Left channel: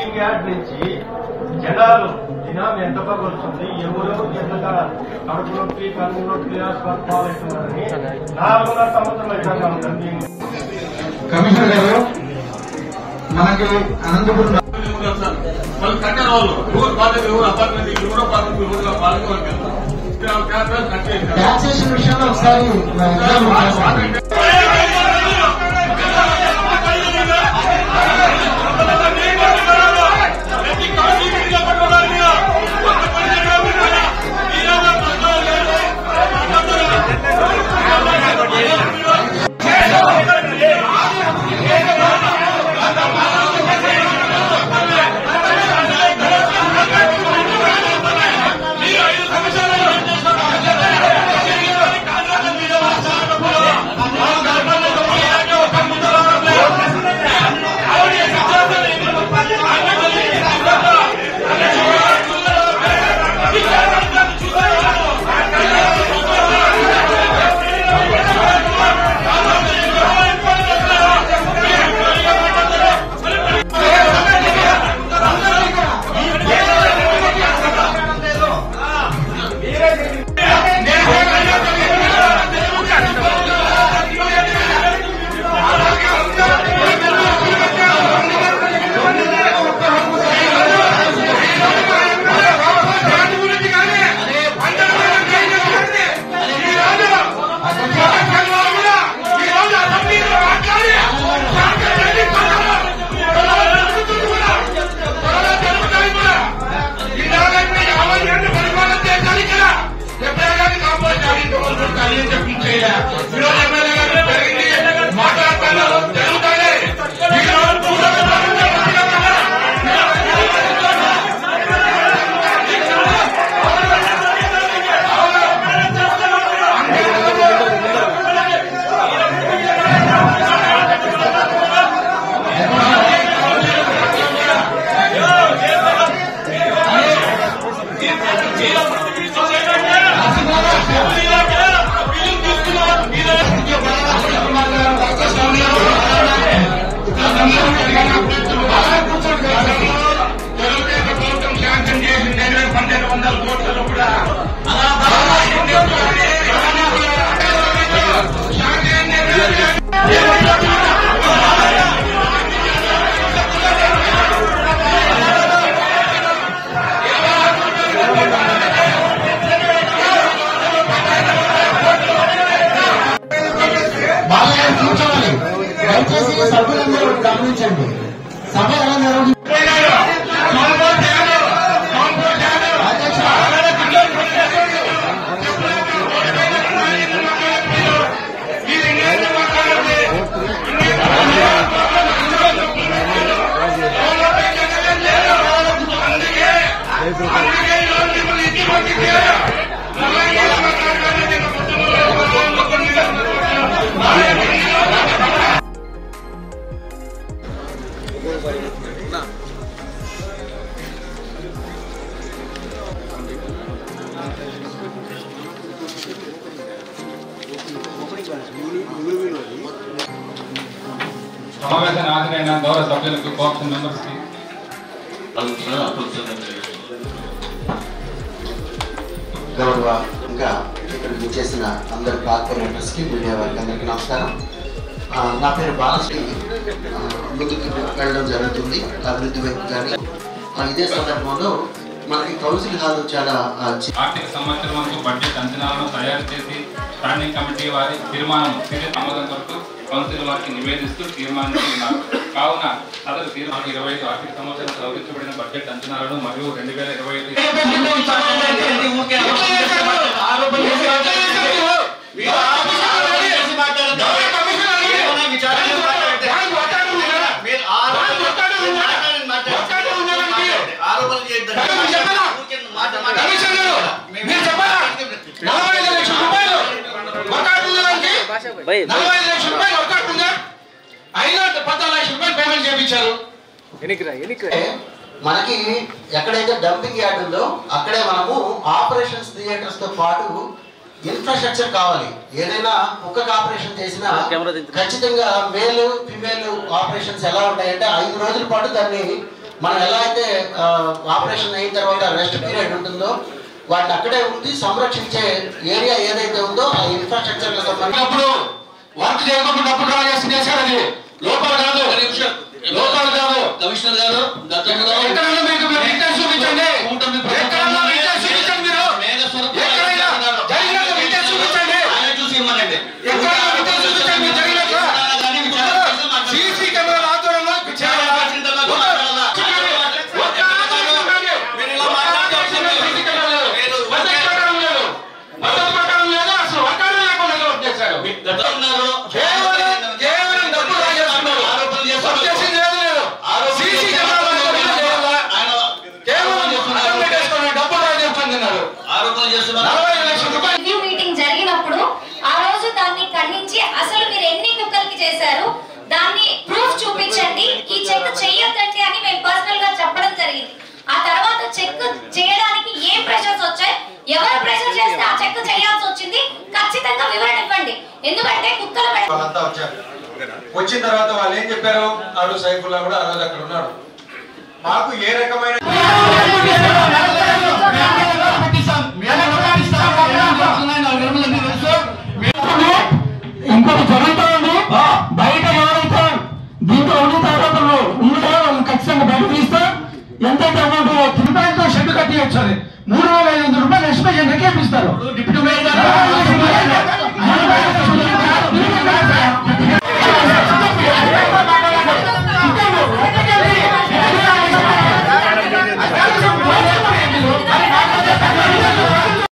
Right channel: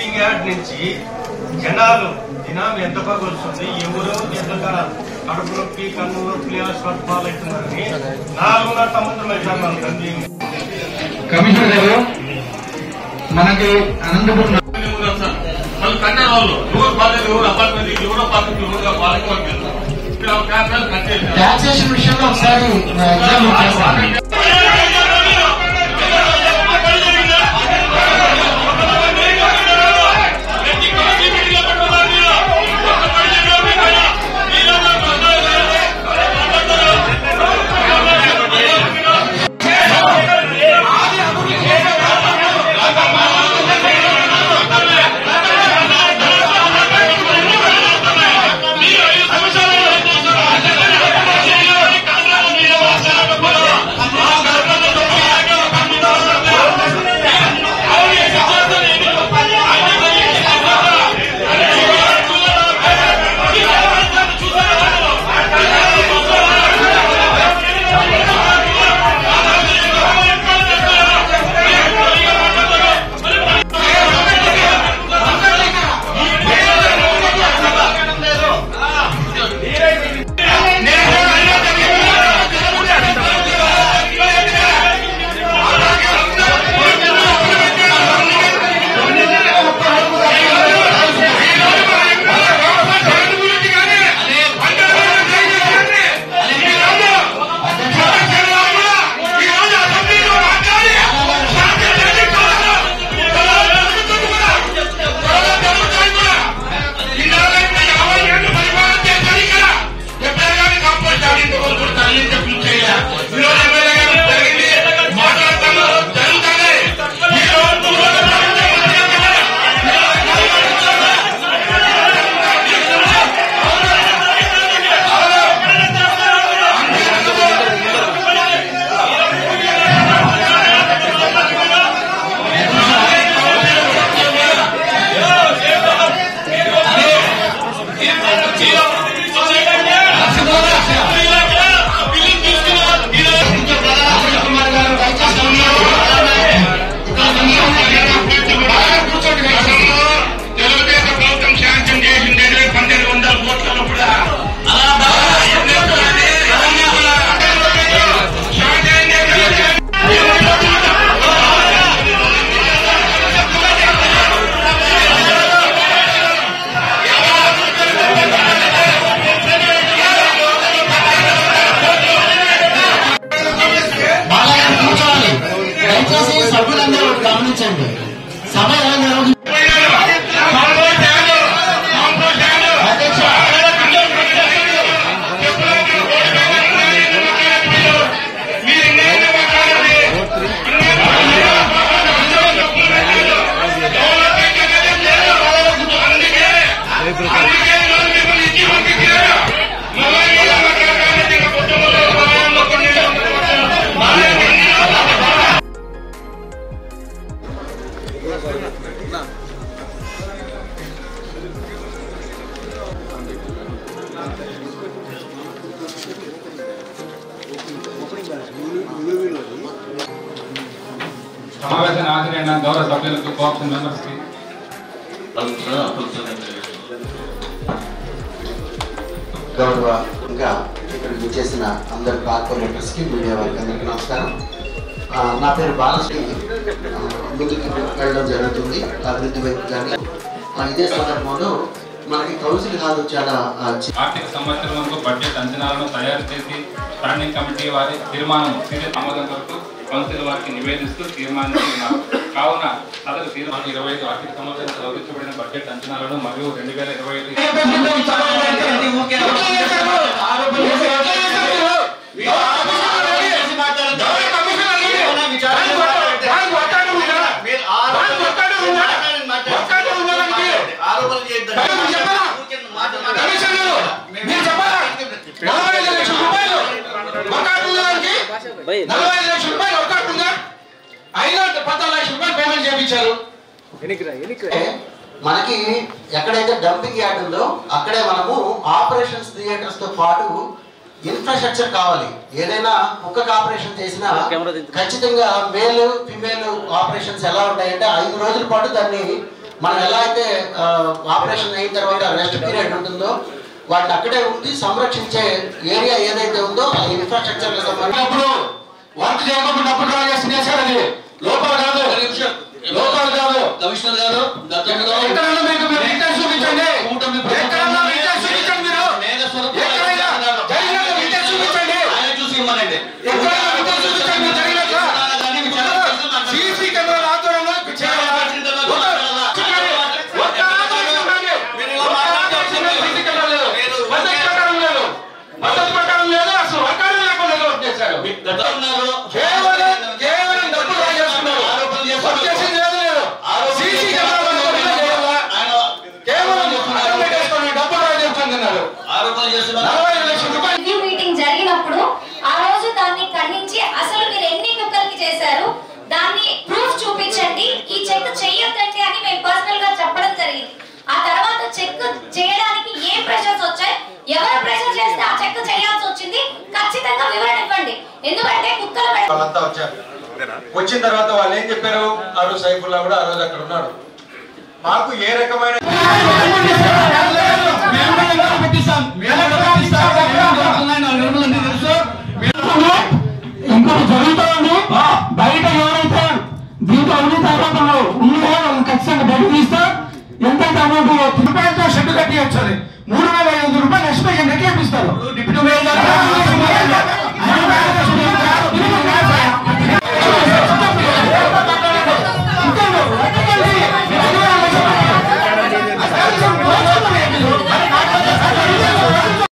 Dumping yard నుంచి జనాలు దినం ఎంత పగొస్తుంది, ఎవరు ఎంత కడుపు నొప్పి కన్ను నొప్పి హాస్పిటల్ అవుతున్నారని 4.5 సంవత్సరం అవుతారు మనం డంపింగ్. కమిషనర్ గారు మనకి అనంతపురం ట్యాక్సేషన్ విషయంలో ఒకసారి సభ్యులందరూ గమనించండి. సభ ఎలా సమావేశాన్ని హాజరైన గౌరవ సభ్యులకు కోఆప్షన్ మెంబర్స్ కి గౌరవంగా ఇక్కడికి చేసిన అందరు కార్పొరేటర్స్ కి మీడియా వారికి అందరికీ నమస్కారం. నా పేరు బాలశ్రీ. ముందుకు వెళ్ళడం జరుగుతుంది అభివృద్ధి వైపు కానీ. ఇదే సందర్భంలో మనకి కౌన్సిల్ హాల్ చాలా ఆర్థిక సంవత్సరం వరకు బడ్జెట్ అంచనాలను తయారు చేసి స్టాండింగ్ కమిటీ వారి తీర్మానం ఆమోదం కొరకు కౌన్సిల్ వారికి నివేదిస్తూ తీర్మానిస్తున్నారు. కావున సదరు తీర్మానం 25 ఆర్థిక సంవత్సరం సవరించబడిన బడ్జెట్ అంచనాలను మరియు 2025 మనకి ఎక్కడైతే డంపింగ్ యార్డ్ ఉందో అక్కడే మనము ఆపరేషన్స్ థియేటర్స్ తో పాటు ఇన్ఫ్రాస్ట్రక్చర్ కావాలి. ఏదైనా ఒక్కొక్క ఆపరేషన్ చేసినా ఖచ్చితంగా మేల్ ఫిమేల్ ఆపరేషన్స్ ఎలా ఉంటాయంటే 5 రోజుల పాటు దాన్ని మనం ఎలా అయితే ఆపరేషన్ అయిన తర్వాత రెస్ట్ పీరియడ్ ఉంటుందో వాటిని అక్కడే ఉండి సంరక్షించే ఏరియా ఏదైతే ఉందో ఆ ఇన్ఫ్రాస్ట్రక్చర్ సంబంధించినప్పుడు వర్క్ చేయకుండా డబ్బులు డ్రా చేసి చేశారు. అది లోపల కాదు, లోపల కాదు. కమిషనర్ గారు ఎక్కడైనా మీకు డీటెయిల్స్ చూపించండి, ఎక్కడైనా డీటెయిల్స్ చూపించండి. మీరు ఎక్కడైనా జరిగిన డీటెయిల్స్ చూపించండి, ఎక్కడైనా డీటెయిల్స్ చూపించండి. జరిగినట్ల సీసీ కెమెరాల ఆధ్వర్యంలో మీటింగ్ జరిగినప్పుడు ఆ రోజు దాన్ని ఖండించి అసలు మీరు ఎన్ని కుక్కలకి చేశారు దాన్ని ప్రూఫ్ చూపించండి, ఈ చెక్ చెయ్యొద్దండి అని మేము పర్సనల్ గా చెప్పడం జరిగింది. ఆ తర్వాత చెక్ చేయడానికి ఏ ప్రెషర్స్ వచ్చాయి, ఎవరు ప్రెషర్ చేస్తే ఆ చెక్ చేయాల్సి వచ్చింది, ఖచ్చితంగా వివరణ ఇవ్వండి. ఎందుకంటే కుక్కలు వాళ్ళంతా వచ్చారు. వచ్చిన తర్వాత వాళ్ళు ఏం చెప్పారు, ఆ రోజు సైఫుల్లా కూడా ఆ రోజు అక్కడ ఉన్నాడు. మాకు ఏ రకమైన ఇంకొక జరుగుతుంది బయట ఎవరైతే దీంట్లో ఉన్న తర్వాత ఉంటే వాళ్ళని ఖచ్చితంగా బయట తీస్తే ఎంతైతే అమౌంట్ రూపాయలతో షెడ్ కట్టి వచ్చారు. 3,500 రూపాయలు ఎక్స్పెక్ట్ ఎక్కిస్తారు. Deputy mayor